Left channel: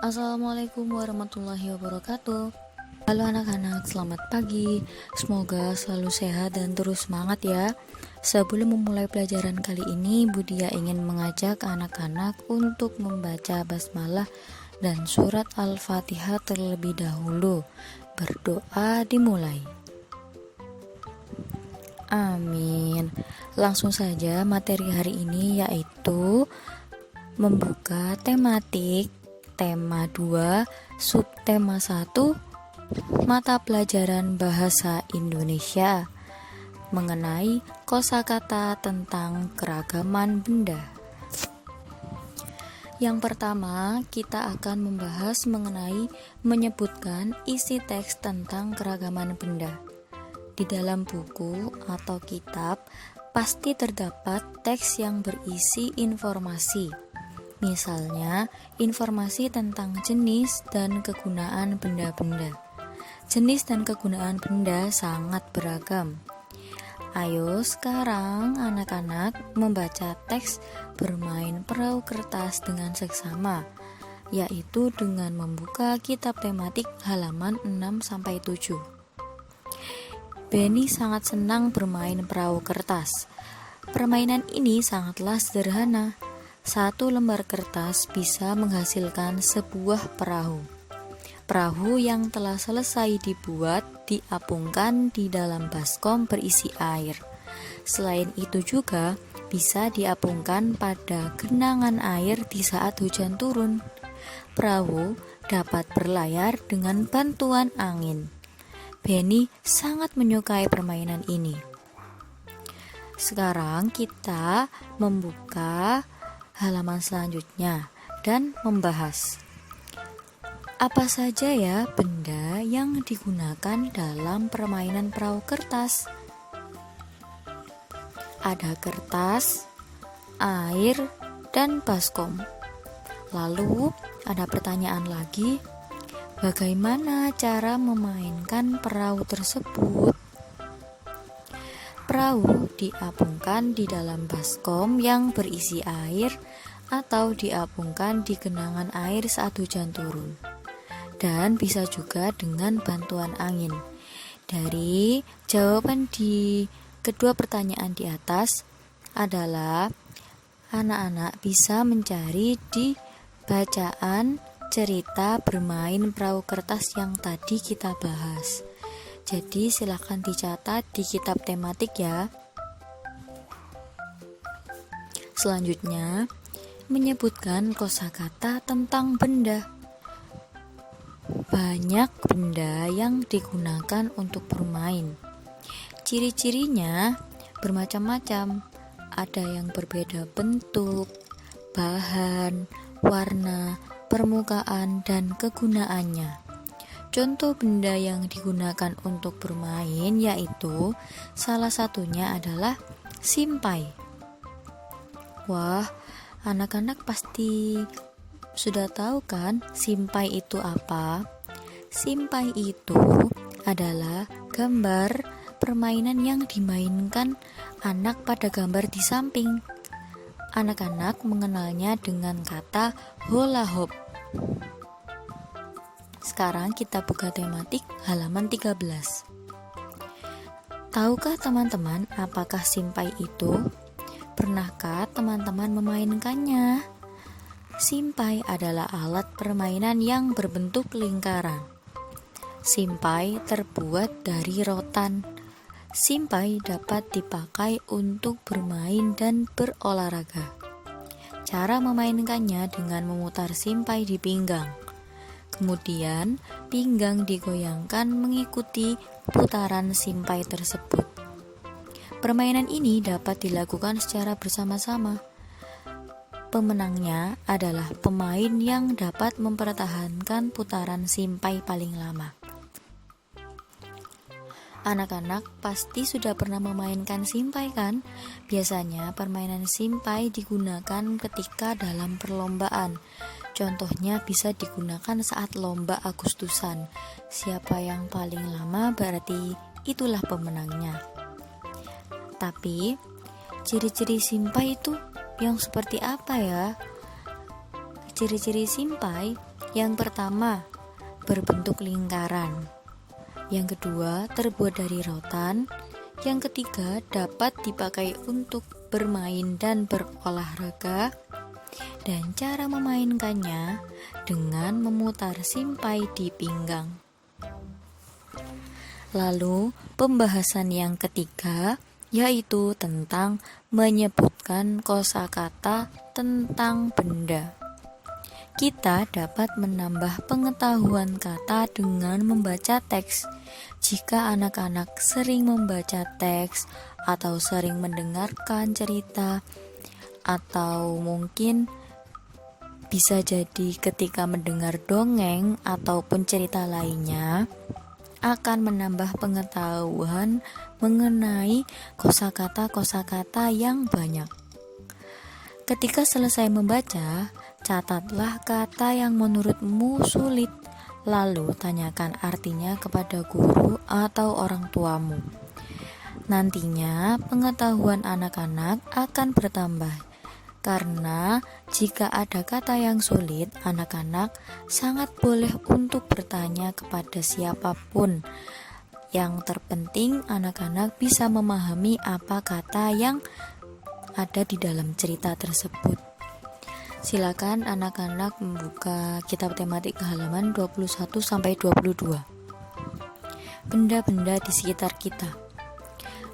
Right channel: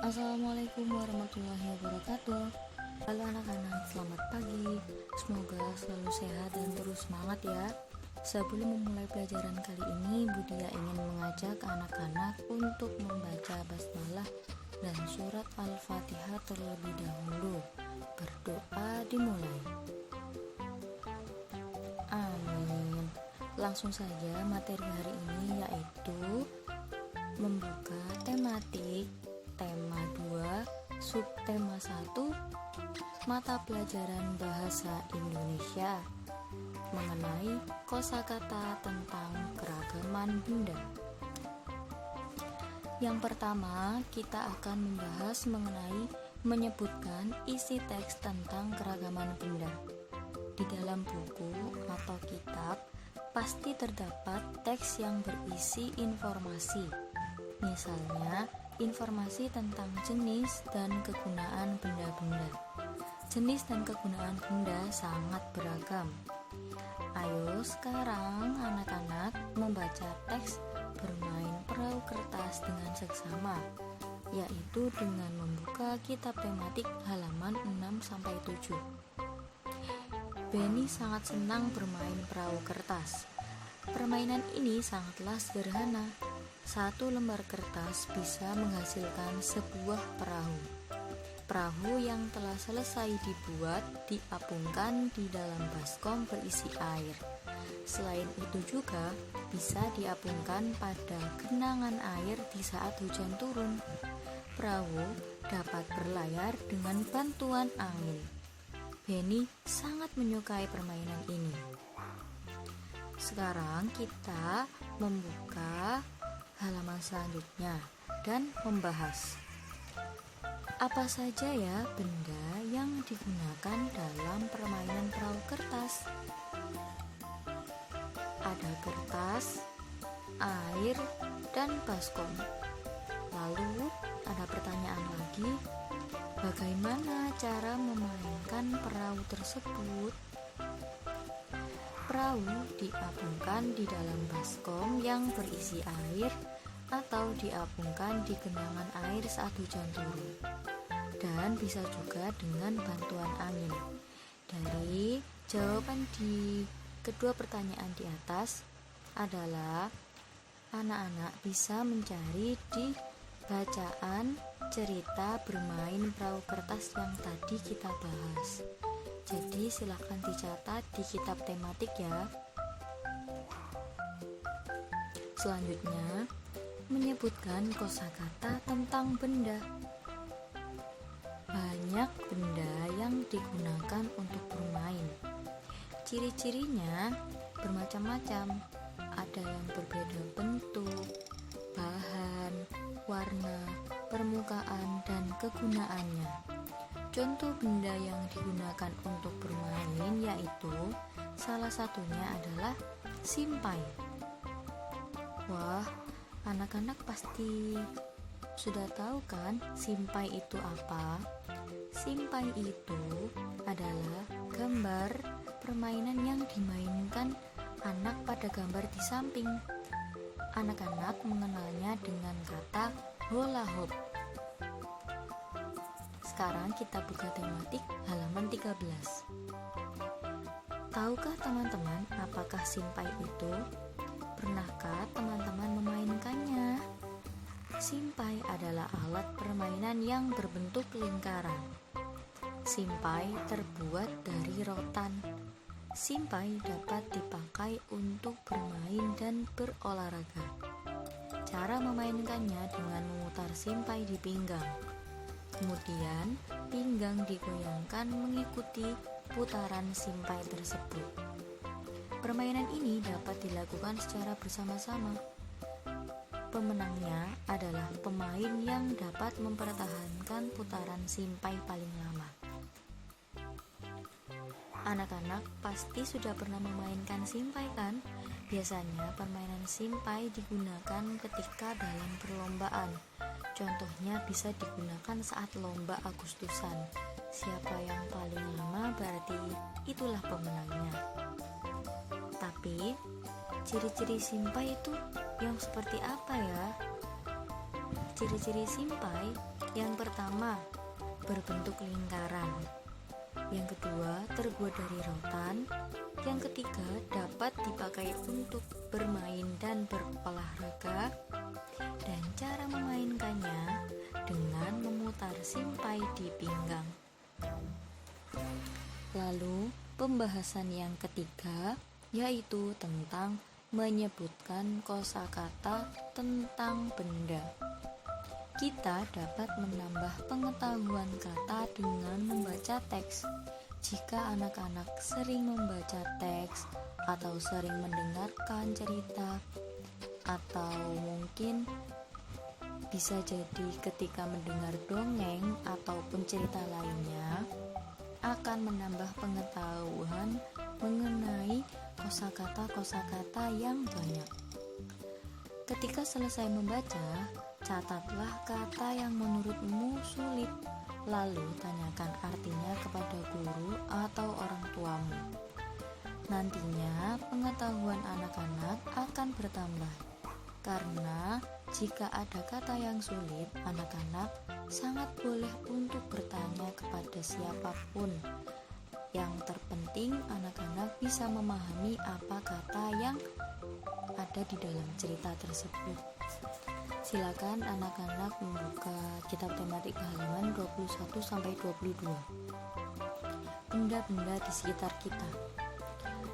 Assalamualaikum warahmatullahi wabarakatuh. Halo anak-anak, selamat pagi. Semoga selalu sehat dan terus semangat ya. Sebelum memulai pelajaran kali ini, Budia ingin mengajak anak-anak untuk membaca basmalah dan surat Al-Fatihah terlebih dahulu. Berdoa dimulai. Amin. Langsung saja materi hari ini yaitu membuka tematik tema 2, subtema 1, mata pelajaran bahasa Indonesia mengenai kosakata tentang keragaman benda. Yang pertama, kita akan membahas mengenai menyebutkan isi teks tentang keragaman benda. Di dalam buku atau kitab pasti terdapat teks yang berisi informasi. Misalnya, informasi tentang jenis dan kegunaan benda-benda. Jenis dan kegunaan benda sangat beragam. Ayo sekarang anak-anak membaca teks bermain perahu kertas dengan seksama, yaitu dengan membuka kitab tematik halaman 6-7. Benny sangat senang bermain perahu kertas. Permainan ini sangatlah sederhana. Satu lembar kertas bisa menghasilkan sebuah perahu. Perahu yang telah selesai dibuat diapungkan di dalam baskom berisi air. Selain itu juga bisa diapungkan pada genangan air di saat hujan turun. Perahu dapat berlayar dengan bantuan angin. Benny sangat menyukai permainan ini. Sekarang kita membuka halaman selanjutnya dan membahas apa saja ya benda yang digunakan dalam permainan perahu kertas. Ada kertas, air, dan baskom. Lalu ada pertanyaan lagi, bagaimana cara memainkan perahu tersebut? Perahu diapungkan di dalam baskom yang berisi air atau diapungkan di genangan air saat hujan turun. Dan bisa juga dengan bantuan angin. Dari jawaban di kedua pertanyaan di atas adalah anak-anak bisa mencari di bacaan cerita bermain perahu kertas yang tadi kita bahas. Jadi silahkan dicatat di kitab tematik ya. Selanjutnya, menyebutkan kosakata tentang benda. Banyak benda yang digunakan untuk bermain. Ciri-cirinya bermacam-macam. Ada yang berbeda bentuk, bahan, warna, permukaan, dan kegunaannya. Contoh benda yang digunakan untuk bermain yaitu salah satunya adalah simpai. Wah, anak-anak pasti sudah tahu kan simpai itu apa? Simpai itu adalah gambar permainan yang dimainkan anak pada gambar di samping. Anak-anak mengenalnya dengan kata hula hoop. Sekarang kita buka tematik halaman 13. Tahukah teman-teman apakah simpai itu? Pernahkah teman-teman memainkannya? Simpai adalah alat permainan yang berbentuk lingkaran. Simpai terbuat dari rotan. Simpai dapat dipakai untuk bermain dan berolahraga. Cara memainkannya dengan memutar simpai di pinggang. Kemudian, pinggang digoyangkan mengikuti putaran simpai tersebut. Permainan ini dapat dilakukan secara bersama-sama. Pemenangnya adalah pemain yang dapat mempertahankan putaran simpai paling lama. Anak-anak pasti sudah pernah memainkan simpai kan? Biasanya permainan simpai digunakan ketika dalam perlombaan. Contohnya bisa digunakan saat lomba Agustusan. Siapa yang paling lama berarti itulah pemenangnya. Tapi ciri-ciri simpai itu yang seperti apa ya? Ciri-ciri simpai Yang pertama, berbentuk lingkaran. Yang kedua, terbuat dari rotan. Yang ketiga, dapat dipakai untuk bermain dan berolahraga. Dan cara memainkannya dengan memutar simpai di pinggang. Lalu, pembahasan yang ketiga yaitu tentang menyebutkan kosakata tentang benda. Kita dapat menambah pengetahuan kata dengan membaca teks. Jika anak-anak sering membaca teks atau sering mendengarkan cerita, atau mungkin bisa jadi ketika mendengar dongeng ataupun cerita lainnya, akan menambah pengetahuan mengenai kosakata-kosakata yang banyak. Ketika selesai membaca, catatlah kata yang menurutmu sulit, lalu tanyakan artinya kepada guru atau orang tuamu. Nantinya pengetahuan anak-anak akan bertambah, karena jika ada kata yang sulit, anak-anak sangat boleh untuk bertanya kepada siapapun. Yang terpenting, anak-anak bisa memahami apa kata yang ada di dalam cerita tersebut. Silakan anak-anak membuka kitab tematik halaman 21-22. Benda-benda di sekitar kita.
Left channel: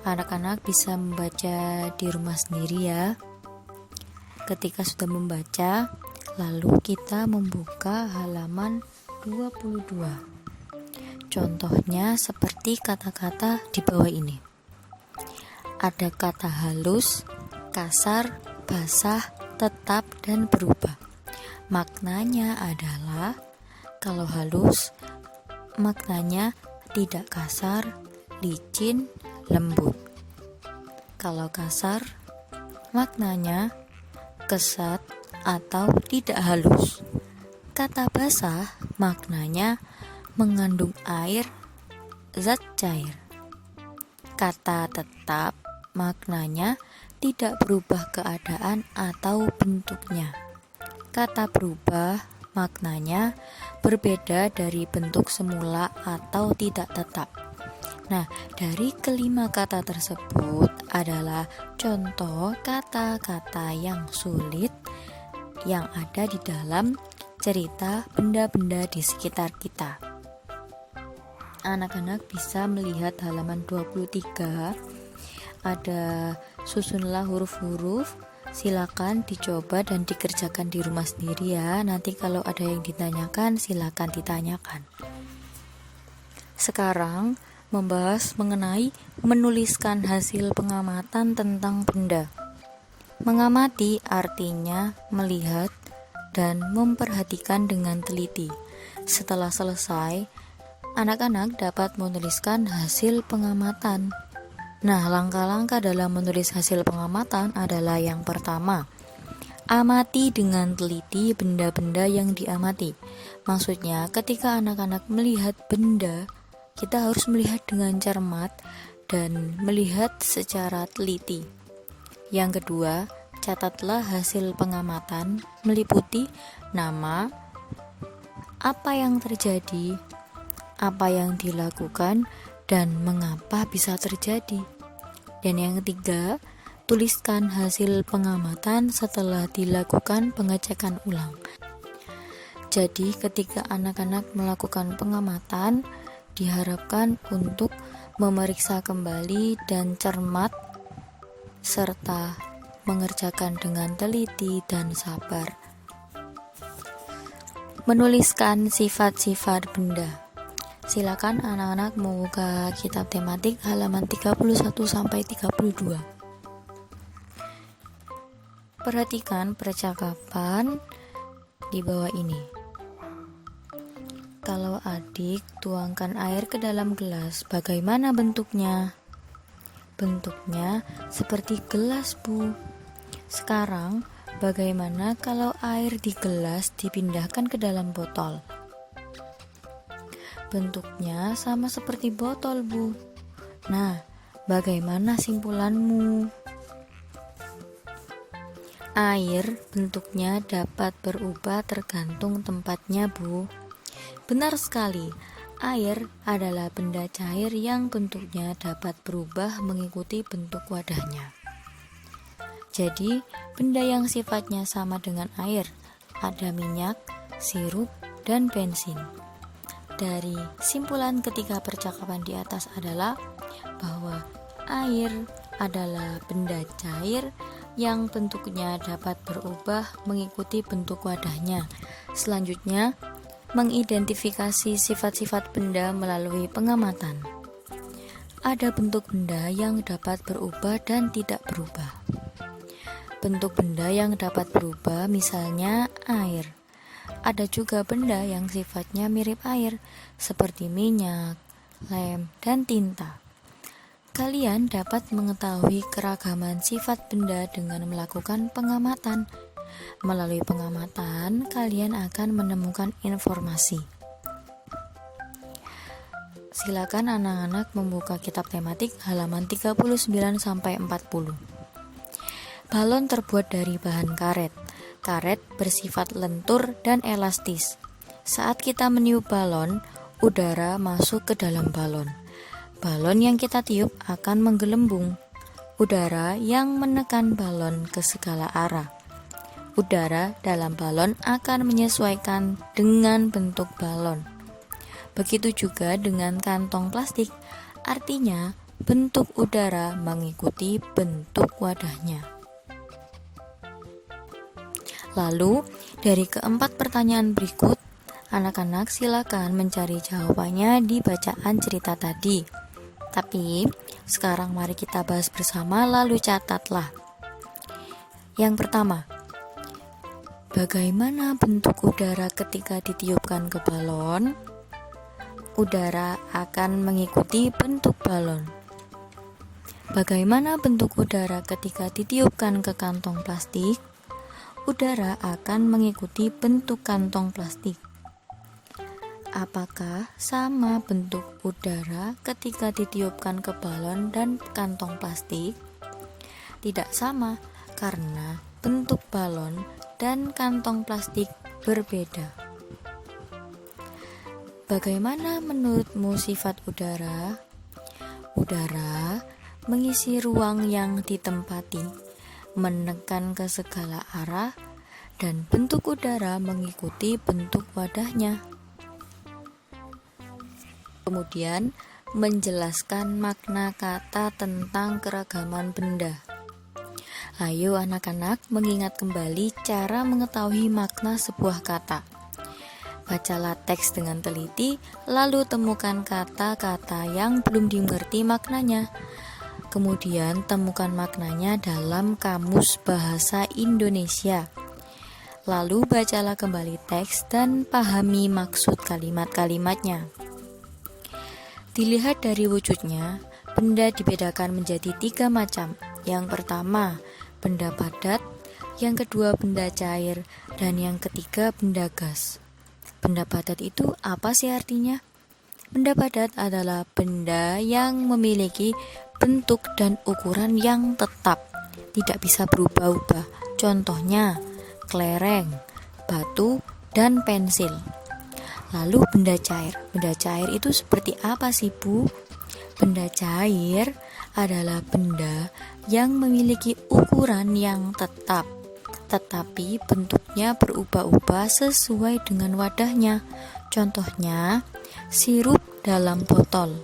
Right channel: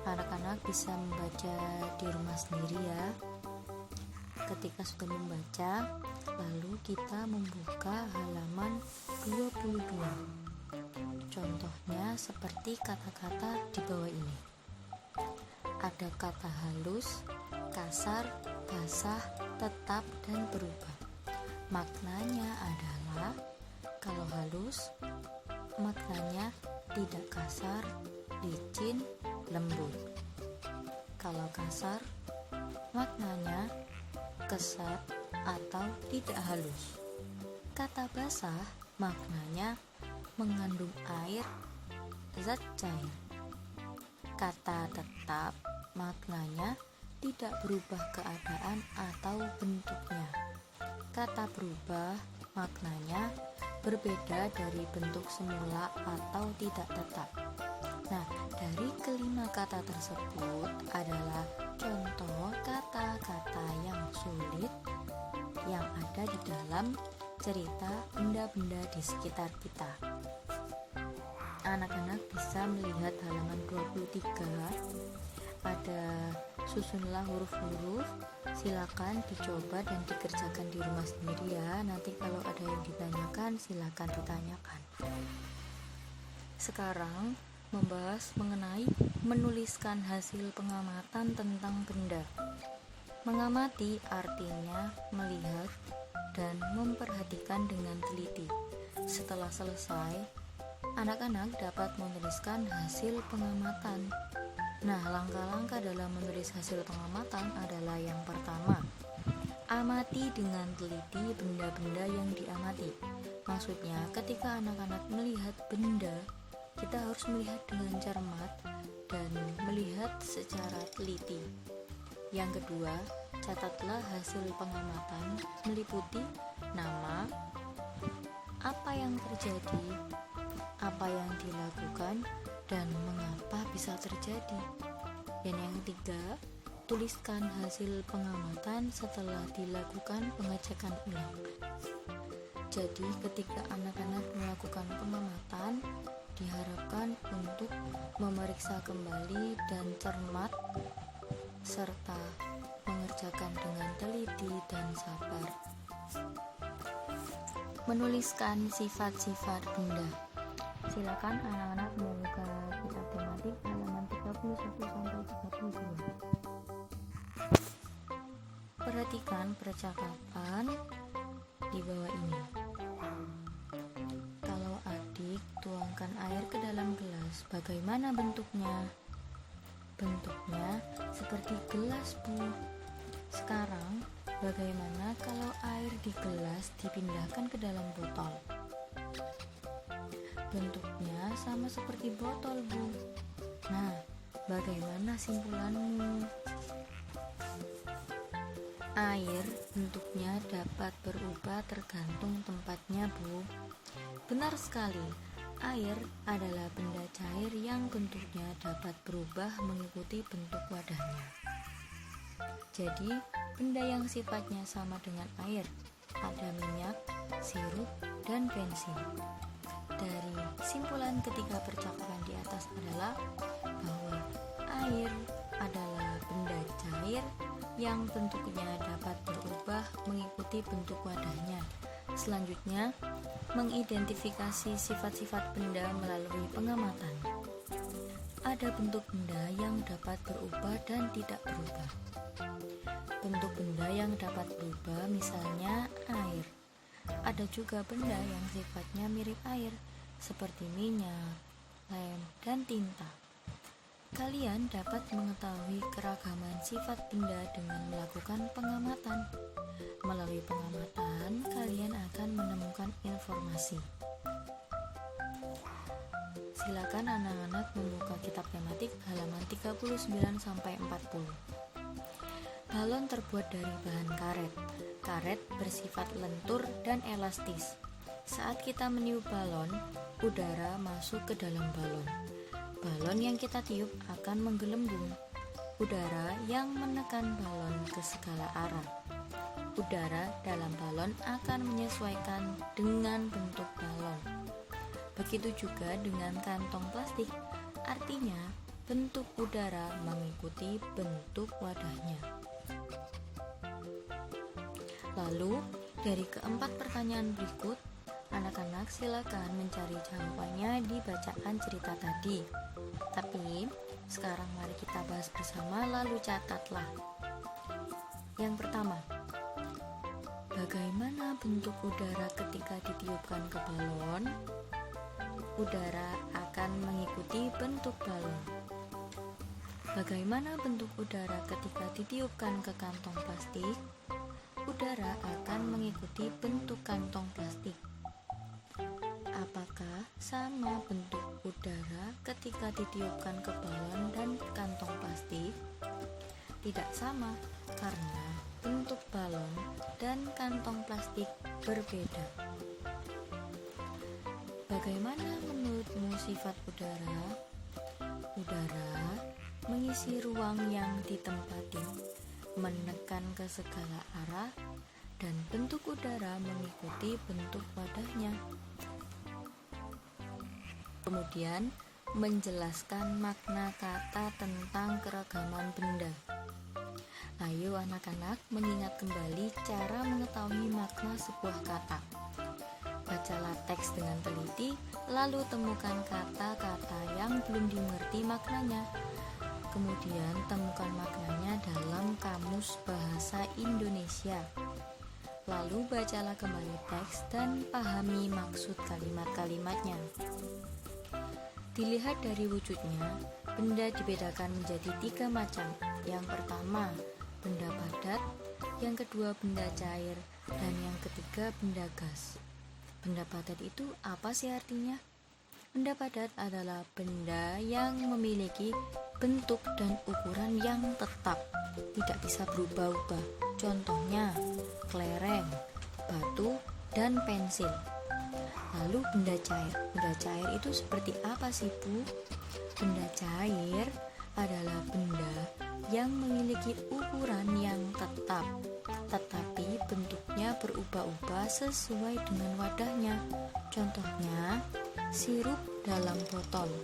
Anak-anak bisa membaca di rumah sendiri ya. Ketika sudah membaca, lalu kita membuka halaman 22. Contohnya seperti kata-kata di bawah ini. Ada kata halus, kasar, basah, tetap, dan berubah. Maknanya adalah kalau halus, maknanya tidak kasar, licin, lembut. Kalau kasar, maknanya kesat atau tidak halus. Kata basah maknanya mengandung air, zat cair. Kata tetap maknanya tidak berubah keadaan atau bentuknya. Kata berubah maknanya berbeda dari bentuk semula atau tidak tetap. Nah, dari kelima kata tersebut adalah contoh kata-kata yang sulit yang ada di dalam cerita benda-benda di sekitar kita. Anak-anak bisa melihat halaman 23, ada susunlah huruf-huruf. Silakan dicoba dan dikerjakan di rumah sendiri ya. Nanti kalau ada yang ditanyakan, silakan ditanyakan. Sekarang membahas mengenai menuliskan hasil pengamatan tentang benda. Mengamati artinya melihat dan memperhatikan dengan teliti. Setelah selesai, anak-anak dapat menuliskan hasil pengamatan. Nah, langkah-langkah dalam menulis hasil pengamatan adalah yang pertama, amati dengan teliti benda-benda yang diamati. Maksudnya, ketika anak-anak melihat benda, kita harus melihat dengan cermat dan melihat secara teliti. Yang kedua, catatlah hasil pengamatan meliputi nama, apa yang terjadi, apa yang dilakukan, dan mengapa bisa terjadi. Dan yang ketiga, tuliskan hasil pengamatan setelah dilakukan pengecekan ulang. Jadi ketika anak-anak melakukan pengamatan, diharapkan untuk memeriksa kembali dan cermat serta mengerjakan dengan teliti dan sabar. Menuliskan sifat-sifat benda. Silakan anak-anak membuka kitab tematik halaman 31-32. Perhatikan percakapan di bawah ini. Kalau adik tuangkan air ke dalam gelas, bagaimana bentuknya? Bentuknya seperti gelas, Bu. Sekarang, bagaimana kalau air di gelas dipindahkan ke dalam botol? Bentuknya sama seperti botol, Bu. Nah, bagaimana simpulanmu? Air bentuknya dapat berubah tergantung tempatnya, Bu. Benar sekali, air adalah benda cair yang bentuknya dapat berubah mengikuti bentuk wadahnya. Jadi, benda yang sifatnya sama dengan air, ada minyak, sirup, dan bensin. Dari simpulan ketiga percakapan di atas adalah bahwa air adalah benda cair yang bentuknya dapat berubah mengikuti bentuk wadahnya. Selanjutnya, mengidentifikasi sifat-sifat benda melalui pengamatan. Ada bentuk benda yang dapat berubah dan tidak berubah. Bentuk benda yang dapat berubah misalnya air. Ada juga benda yang sifatnya mirip air, seperti minyak, lem, dan tinta. Kalian dapat mengetahui keragaman sifat benda dengan melakukan pengamatan. Melalui pengamatan, kalian akan menemukan informasi. Silakan anak-anak membuka kitab tematik halaman 39-40. Balon terbuat dari bahan karet. Karet bersifat lentur dan elastis. Saat kita meniup balon, udara masuk ke dalam balon. Balon yang kita tiup akan menggelembung. Udara yang menekan balon ke segala arah. Udara dalam balon akan menyesuaikan dengan bentuk balon. Begitu juga dengan kantong plastik, artinya bentuk udara mengikuti bentuk wadahnya. Lalu, dari keempat pertanyaan berikut, anak-anak silakan mencari jawabannya di bacaan cerita tadi. Tapi, sekarang mari kita bahas bersama lalu catatlah. Yang pertama, bagaimana bentuk udara ketika ditiupkan ke balon? Udara akan mengikuti bentuk balon. Bagaimana bentuk udara ketika ditiupkan ke kantong plastik? Udara akan mengikuti bentuk kantong plastik. Apakah sama bentuk udara ketika ditiupkan ke balon dan kantong plastik? Tidak sama, karena bentuk balon dan kantong plastik berbeda. Bagaimana menurutmu sifat udara? Udara mengisi ruang yang ditempati, menekan ke segala arah, dan bentuk udara mengikuti bentuk wadahnya. Kemudian, menjelaskan makna kata tentang keragaman benda. Ayo anak-anak mengingat kembali cara mengetahui makna sebuah kata. Bacalah teks dengan teliti, lalu temukan kata-kata yang belum dimengerti maknanya. Kemudian temukan maknanya dalam Kamus Bahasa Indonesia. Lalu bacalah kembali teks dan pahami maksud kalimat-kalimatnya. Dilihat dari wujudnya, benda dibedakan menjadi 3 macam. Yang pertama, benda padat, yang kedua benda cair, dan yang ketiga benda gas. Benda padat itu apa sih artinya? Benda padat adalah benda yang memiliki bentuk dan ukuran yang tetap, tidak bisa berubah-ubah. Contohnya, kelereng, batu, dan pensil. Lalu benda cair. Benda cair itu seperti apa sih, Bu? Benda cair adalah benda yang memiliki ukuran yang tetap, tetapi bentuknya berubah-ubah sesuai dengan wadahnya. Contohnya, sirup dalam botol,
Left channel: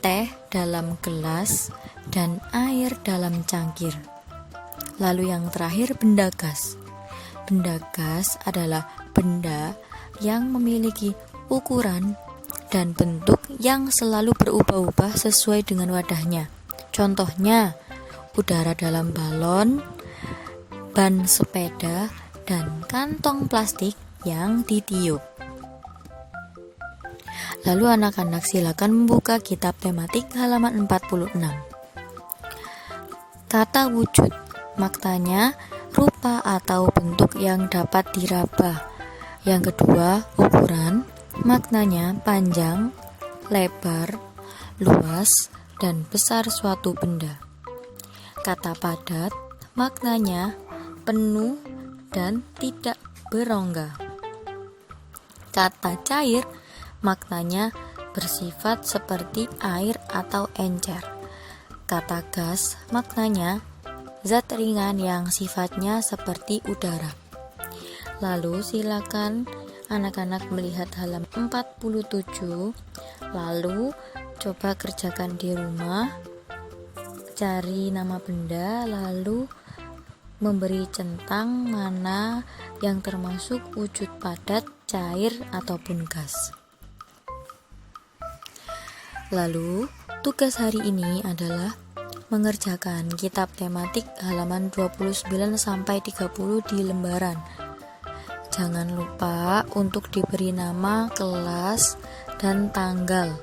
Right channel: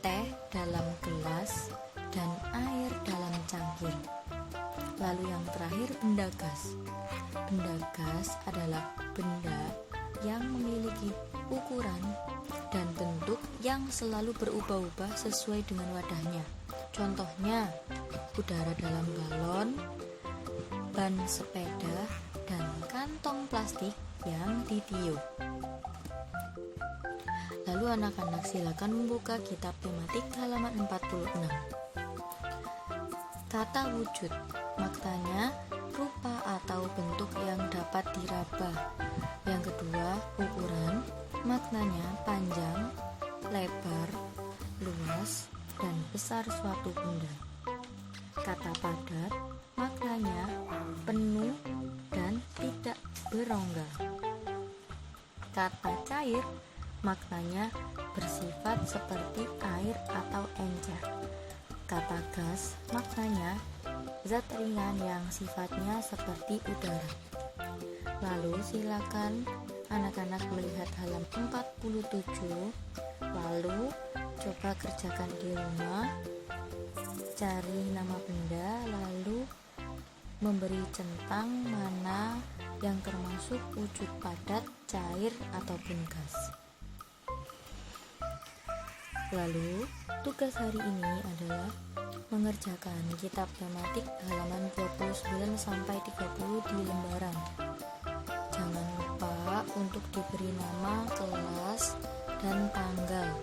teh dalam gelas, dan air dalam cangkir. Lalu yang terakhir, benda gas. Benda gas adalah benda yang memiliki ukuran dan bentuk yang selalu berubah-ubah sesuai dengan wadahnya. Contohnya, udara dalam balon, ban sepeda, dan kantong plastik yang ditiup. Lalu anak-anak silakan membuka kitab tematik halaman 46. Kata wujud, maknanya rupa atau bentuk yang dapat diraba. Yang kedua, ukuran, maknanya panjang, lebar, luas, dan besar suatu benda. Kata padat, maknanya penuh, dan tidak berongga. Kata cair maknanya bersifat seperti air atau encer. Kata gas maknanya zat ringan yang sifatnya seperti udara. Lalu silakan anak-anak melihat halaman 47. Lalu coba kerjakan di rumah. Cari nama benda lalu memberi centang mana yang termasuk wujud padat, cair, ataupun gas. Lalu tugas hari ini adalah mengerjakan kitab tematik halaman 29 sampai 30 di lembaran. Jangan lupa untuk diberi nama, kelas, dan tanggal.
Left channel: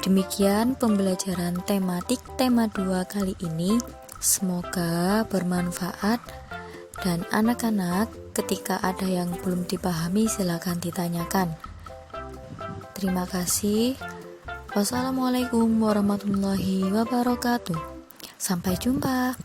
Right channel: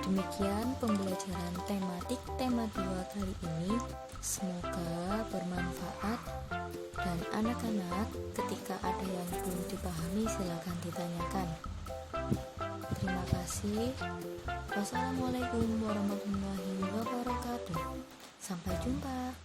Demikian pembelajaran tematik tema 2 kali ini. Semoga bermanfaat, dan anak-anak ketika ada yang belum dipahami silakan ditanyakan. Terima kasih. Wassalamualaikum warahmatullahi wabarakatuh. Sampai jumpa.